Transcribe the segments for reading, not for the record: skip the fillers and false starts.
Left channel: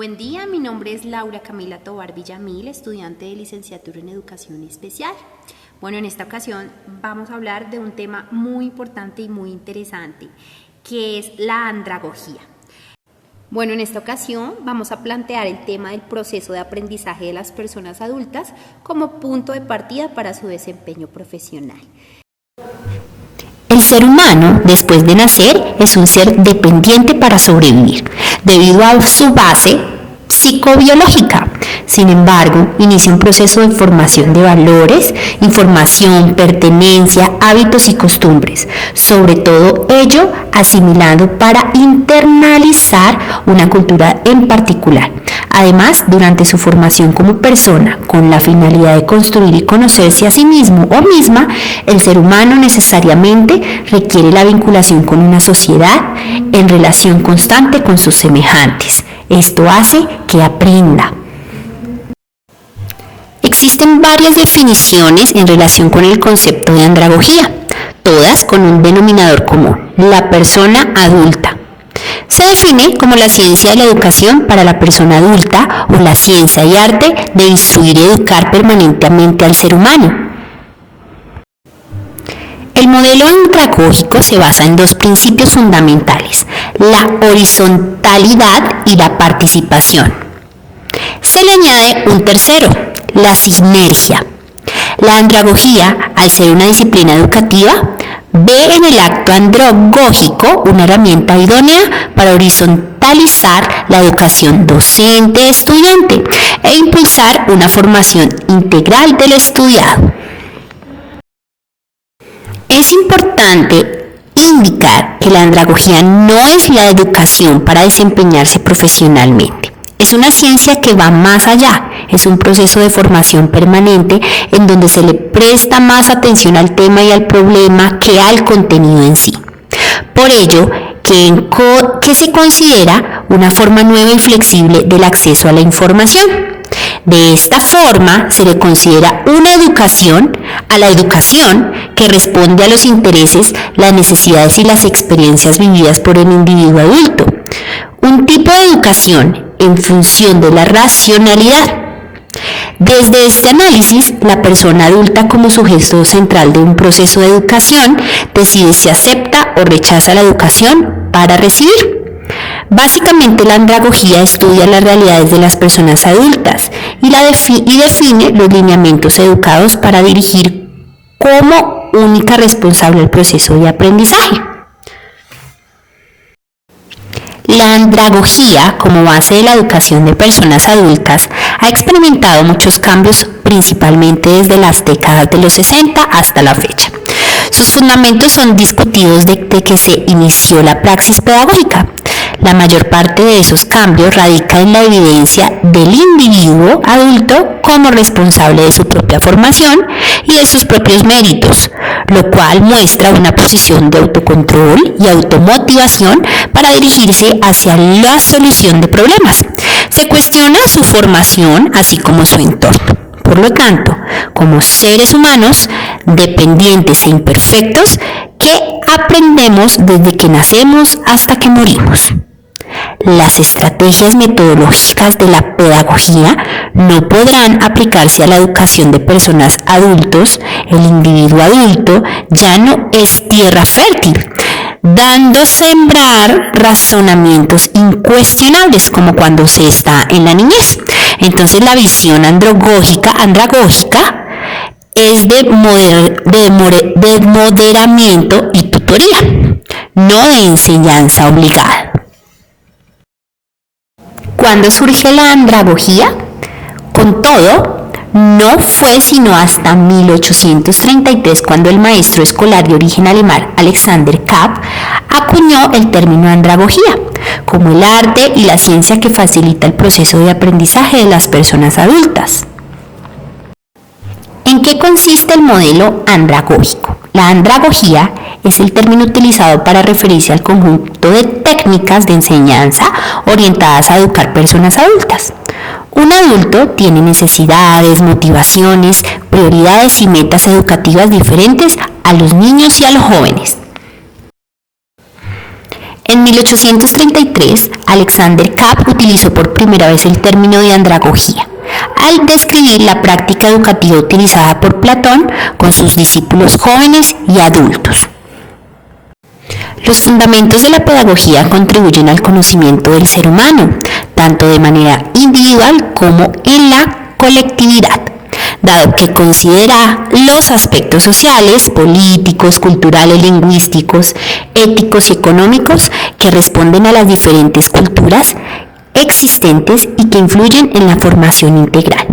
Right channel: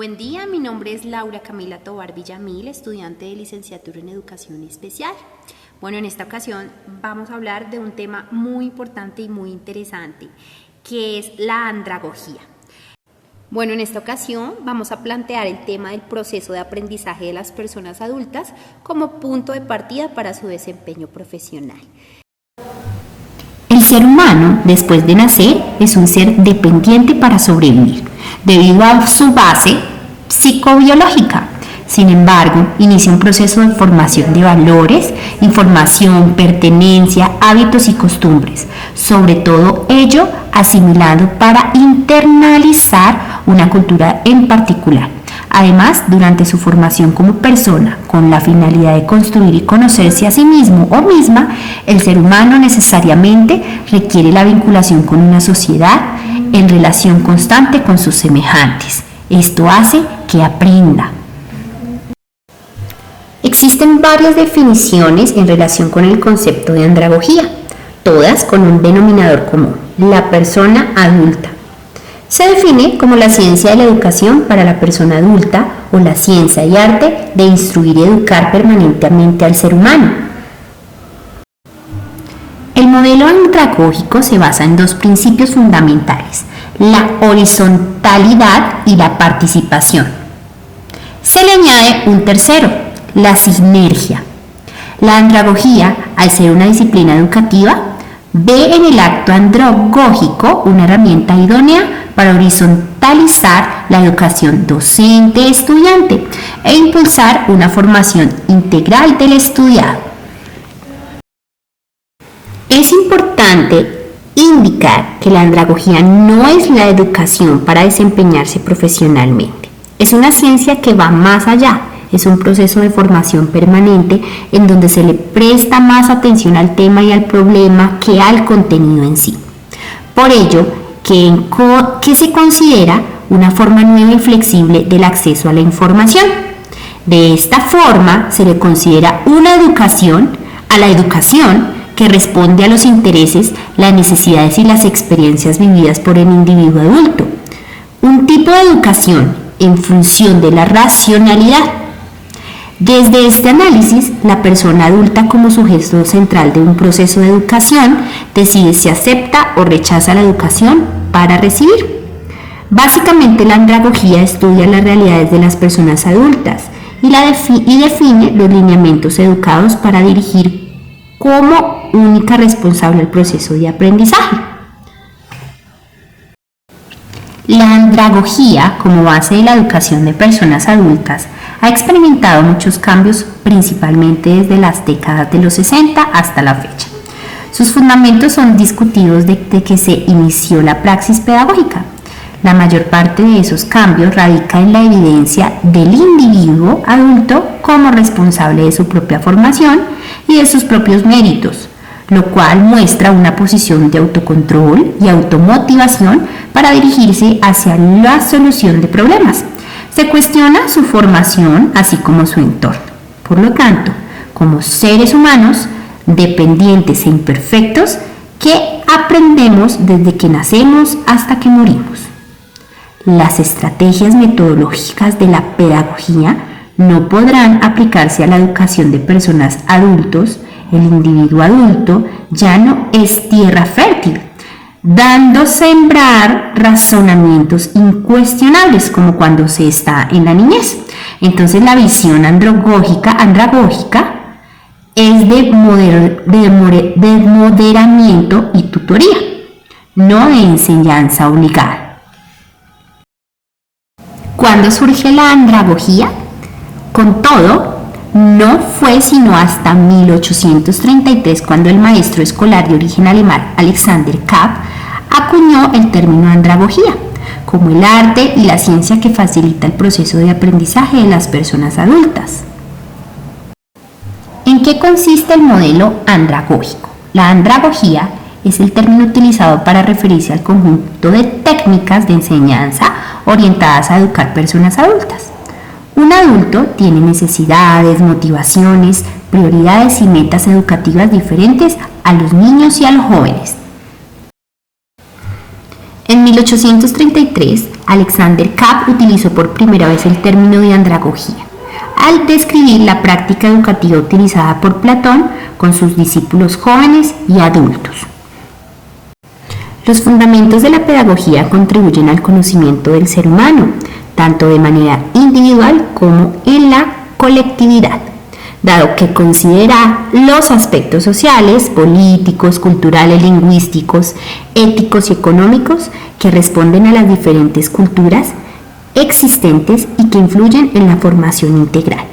Buen día, mi nombre es Laura Camila Tovar Villamil, estudiante de licenciatura en Educación Especial. Bueno, en esta ocasión vamos a hablar de un tema muy importante y muy interesante, que es la andragogía. Bueno, en esta ocasión vamos a plantear el tema del proceso de aprendizaje de las personas adultas como punto de partida para su desempeño profesional. El ser humano, después de nacer, es un ser dependiente para sobrevivir, debido a su base psicobiológica. Sin embargo, inicia un proceso de formación de valores, información, pertenencia, hábitos y costumbres, sobre todo ello asimilado para internalizar una cultura en particular. Además, durante su formación como persona, con la finalidad de construir y conocerse a sí mismo o misma, el ser humano necesariamente requiere la vinculación con una sociedad en relación constante con sus semejantes. Esto hace que aprenda. Existen varias definiciones en relación con el concepto de andragogía, todas con un denominador común: la persona adulta. Se define como la ciencia de la educación para la persona adulta o la ciencia y arte de instruir y educar permanentemente al ser humano. El modelo andragógico se basa en dos principios fundamentales: la horizontalidad y la participación. Se le añade un tercero: la sinergia. La andragogía, al ser una disciplina educativa, ve en el acto andragógico una herramienta idónea para horizontalizar la educación docente-estudiante e impulsar una formación integral del estudiado. Es importante indicar que la andragogía no es la educación para desempeñarse profesionalmente. Es una ciencia que va más allá. Es un proceso de formación permanente en donde se le presta más atención al tema y al problema que al contenido en sí. Por ello, que se considera una forma nueva y flexible del acceso a la información. De esta forma, se le considera una educación a la educación que responde a los intereses, las necesidades y las experiencias vividas por el individuo adulto. Un tipo de educación en función de la racionalidad. Desde este análisis, la persona adulta como sujeto central de un proceso de educación decide si acepta o rechaza la educación para recibir. Básicamente, la andragogía estudia las realidades de las personas adultas y define los lineamientos educados para dirigir como única responsable el proceso de aprendizaje. La andragogía, como base de la educación de personas adultas, ha experimentado muchos cambios, principalmente desde las décadas de los 60 hasta la fecha. Sus fundamentos son discutidos desde que se inició la praxis pedagógica. La mayor parte de esos cambios radica en la evidencia del individuo adulto como responsable de su propia formación y de sus propios méritos, lo cual muestra una posición de autocontrol y automotivación para dirigirse hacia la solución de problemas. Se cuestiona su formación así como su entorno. Por lo tanto, como seres humanos dependientes e imperfectos, que aprendemos desde que nacemos hasta que morimos. Las estrategias metodológicas de la pedagogía no podrán aplicarse a la educación de personas adultos. El individuo adulto ya no es tierra fértil, dando sembrar razonamientos incuestionables como cuando se está en la niñez. Entonces, la visión andragógica es de moderamiento y tutoría, no de enseñanza obligada. ¿Cuándo surge la andragogía? Con todo, no fue sino hasta 1833 cuando el maestro escolar de origen alemán Alexander Kapp acuñó el término andragogía como el arte y la ciencia que facilita el proceso de aprendizaje de las personas adultas. ¿En qué consiste el modelo andragógico? La andragogía es el término utilizado para referirse al conjunto de técnicas de enseñanza orientadas a educar personas adultas. Un adulto tiene necesidades, motivaciones, prioridades y metas educativas diferentes a los niños y a los jóvenes. En 1833, Alexander Kapp utilizó por primera vez el término de andragogía, al describir la práctica educativa utilizada por Platón con sus discípulos jóvenes y adultos. Los fundamentos de la pedagogía contribuyen al conocimiento del ser humano, tanto de manera individual como en la colectividad, dado que considera los aspectos sociales, políticos, culturales, lingüísticos, éticos y económicos que responden a las diferentes culturas existentes y que influyen en la formación integral.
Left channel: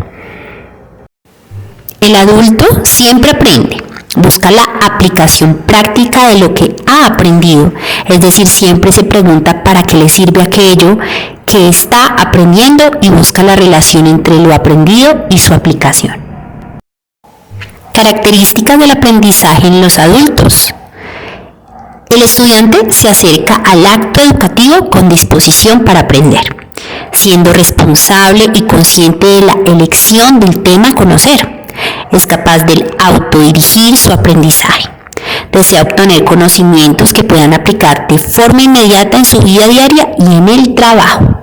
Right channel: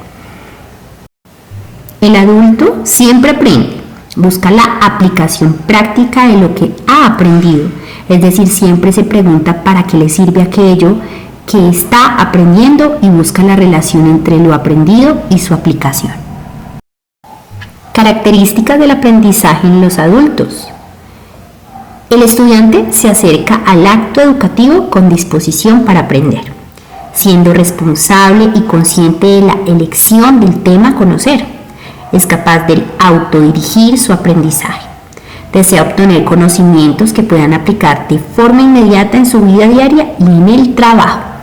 El adulto siempre aprende, busca la aplicación práctica de lo que ha aprendido, es decir, siempre se pregunta para qué le sirve aquello que está aprendiendo y busca la relación entre lo aprendido y su aplicación. Características del aprendizaje en los adultos. El estudiante se acerca al acto educativo con disposición para aprender, siendo responsable y consciente de la elección del tema a conocer. Es capaz de autodirigir su aprendizaje. Desea obtener conocimientos que puedan aplicar de forma inmediata en su vida diaria y en el trabajo.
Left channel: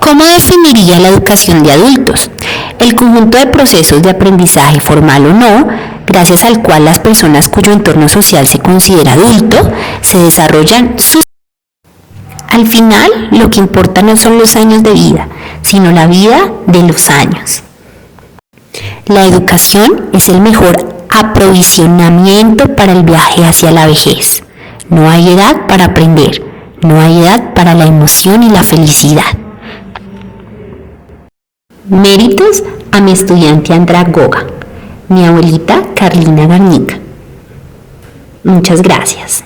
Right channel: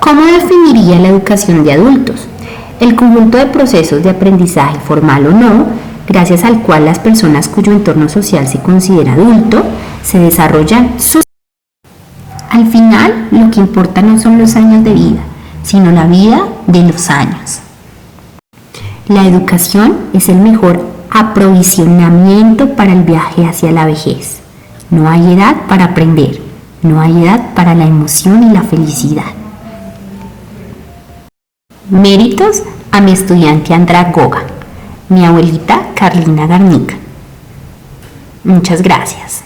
¿Cómo definiría la educación de adultos? El conjunto de procesos de aprendizaje formal o no, gracias al cual las personas cuyo entorno social se considera adulto, se desarrollan sus... Al final, lo que importa no son los años de vida, sino la vida de los años. La educación es el mejor aprovisionamiento para el viaje hacia la vejez. No hay edad para aprender, no hay edad para la emoción y la felicidad. Méritos a mi estudiante andragoga, mi abuelita Carlina Garnica. Muchas gracias.